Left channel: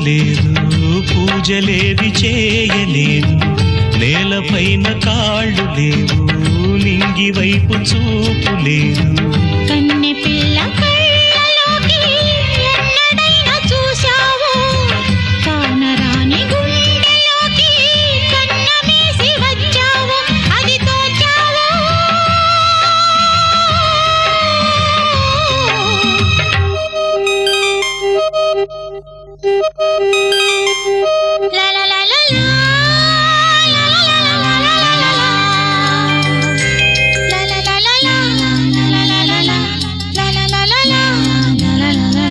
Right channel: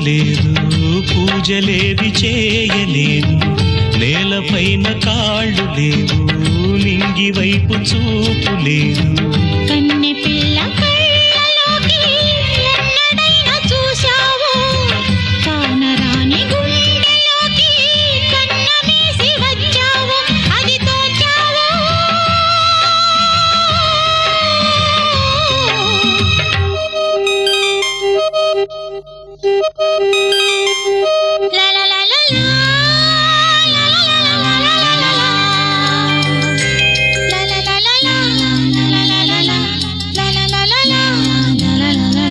చూడలేదు, పూజలేవి చేయలేదు, నేలపైన కాళ్ళు లేవు, నింగి వైపు చూపు లేదు. కన్నె పిల్ల కళ్ళలోకి ఎన్నడైనా చూశావు, కానరాని గుండెలోకి కన్నమేసి వచ్చావు, అది తోచావు.